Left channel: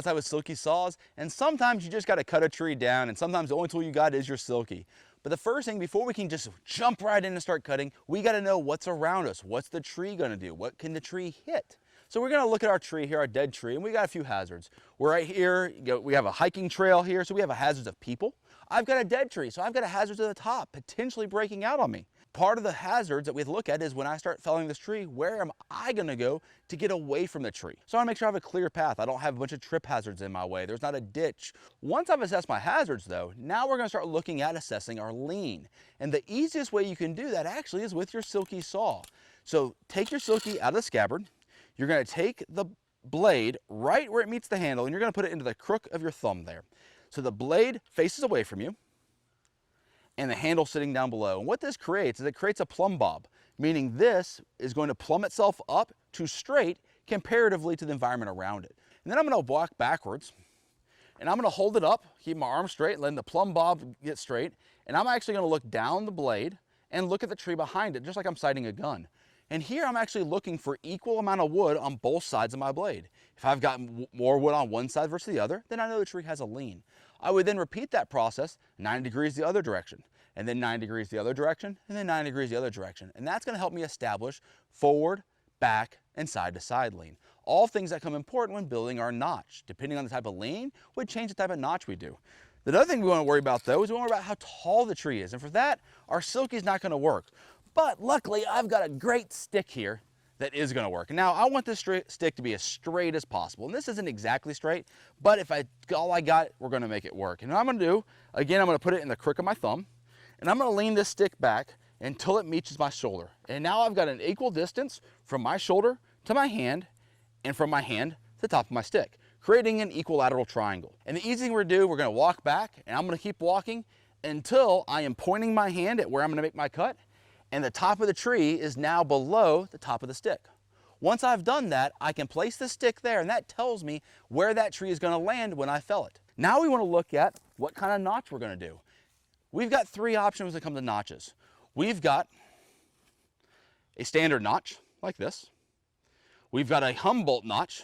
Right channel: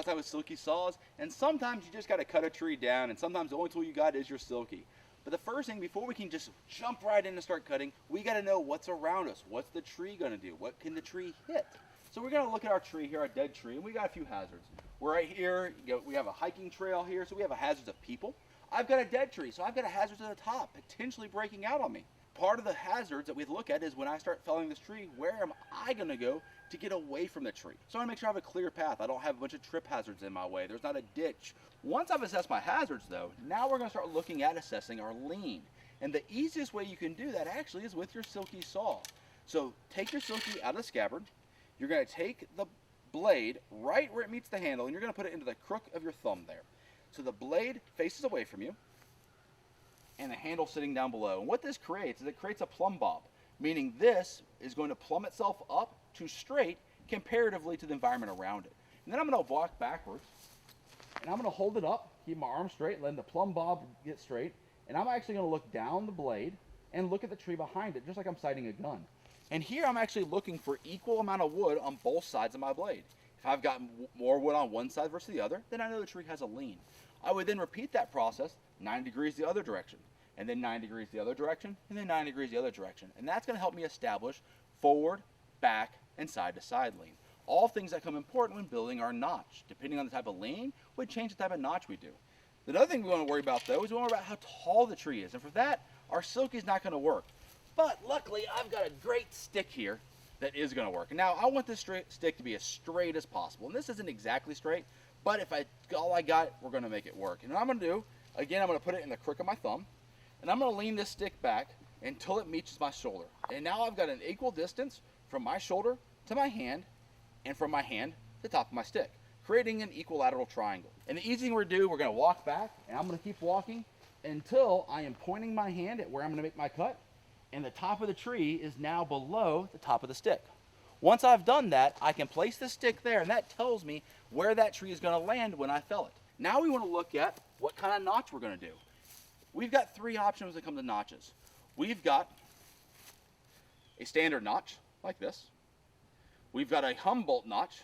Outside with Silky saws, and sometimes you just got to cut a tree down, and sometimes the only tool you got is your Silky. But the first thing, before we can just jump right in and start cutting, we got to know what's around us. What's the tree going to do? What can the tree hit? So we're going to look at our tree here, our dead tree, and we got a few hazards. We're right here, we have a hiking trail here, so we have a hazards of people. I've got a dead tree, so I've got a hazard at the top, potentially breaking out on me. Part of the hazards that we look at is when I start felling this tree, where am I going to go to get away from the tree? So I want to make sure I have a clear path. I don't have a bunch of trip hazards in my way. There's not a ditch. Once I've assessed my hazards though, now we're going to start looking at assessing our lean. And the easiest way you can do that actually is with your Silky saw. So take your Silky out of the scabbard. You're going to take the blade right where it meets the handle, and you're going to put it into the crook of your thumb there. So the blade faces away from you, and the handle sitting down below. And what this creates is it creates a plumb bob, meaning this is going to plumb itself up to straight comparatively to the environment around it. And then I'm going to walk backwards, and I'm going to hold it up, keep my arm straight, and let the plumb bob get straight. And I'm actually going to look down the blade and look at the tree behind it, just like I'm sighting a gun. And here I'm actually looking for equal amount of wood on both sides of my blade. If I've got more wood on one side versus the other, then I know the tree has a lean. I would then repeat that process 9 degrees the other direction, and then 9 degrees the other direction, and then 9 degrees the other direction. And that's going to help me establish forward, back, and side to side lean. All things that come important when building our notch. Depending on the type of lean, would change the type of notch we do. The other thing we want to worry about though is we want to worry about how tall the tree is. And for that, our Silky is not going to work. But luckily, I've got a great stick here that is going to work. Now, I want this stick to be as straight as possible. And this isn't exactly straight, but if all I got, we're going to make it work. And what I'm going to do, again, I'm going to put it in the crook of my thumb, and I'm going to lean this stick back until it meets my shoulder. And now I've got an equal distance from my shoulder to my hand, and from my hand to the top of my stick, creating an equilateral triangle. And the easy thing we're going to do, we're going to walk back, and I'm going to keep walking until I am pointing my hand at where I'm going to make my cut, and the top of the tree is now below the top of the stick. Once I've done that, I can place the stick there, and that tells me where that tree is going to land when I fell it. Now we want to look at what kind of notch we're going to do. We've got 3 options when it comes to notches. We've got a standard notch, like this. We've got a Humboldt notch,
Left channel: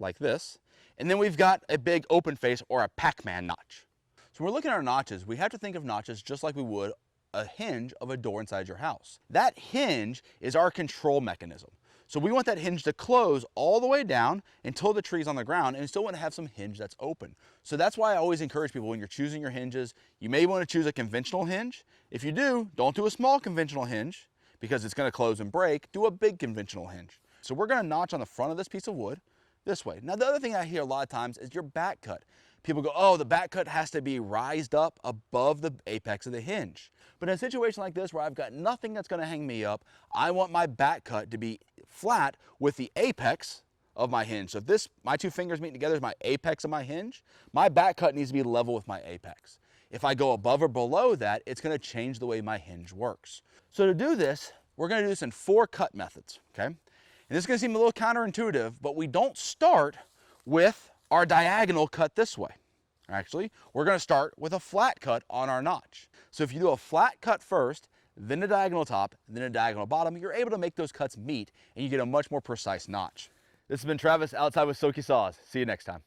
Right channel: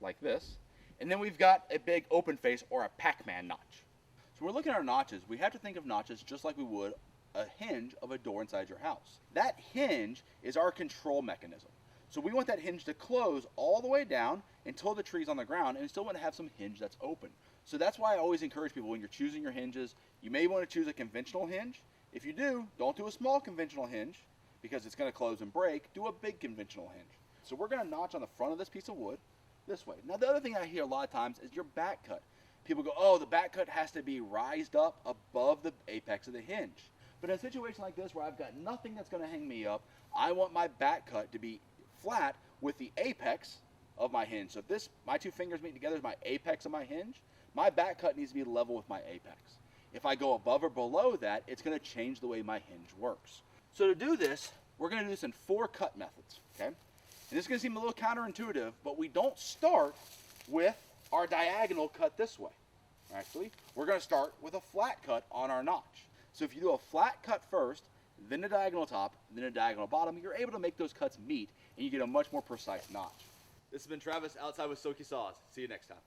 like this. And then we've got a big open face or a Pac-Man notch. So when we're looking at our notches, we have to think of notches just like we would a hinge of a door inside your house. That hinge is our control mechanism. So we want that hinge to close all the way down until the tree's on the ground, and you still want to have some hinge that's open. So that's why I always encourage people, when you're choosing your hinges, you may want to choose a conventional hinge. If you do, don't do a small conventional hinge because it's going to close and break. Do a big conventional hinge. So we're going to notch on the front of this piece of wood this way. Now the other thing I hear a lot of times is your back cut. People go, oh, the back cut has to be rised up above the apex of the hinge. But in a situation like this where I've got nothing that's going to hang me up, I want my back cut to be flat with the apex of my hinge. So if my 2 fingers meet together is my apex of my hinge, my back cut needs to be level with my apex. If I go above or below that, it's going to change the way my hinge works. So to do this, we're going to do this in 4 cut methods, okay? And this is going to seem a little counterintuitive, but we don't start with our diagonal cut this way. Actually, we're going to start with a flat cut on our notch. So if you do a flat cut first, then a diagonal top, then a diagonal bottom, you're able to make those cuts meet, and you get a much more precise notch. This has been Travis, Outside with Silky Saws. See you next time.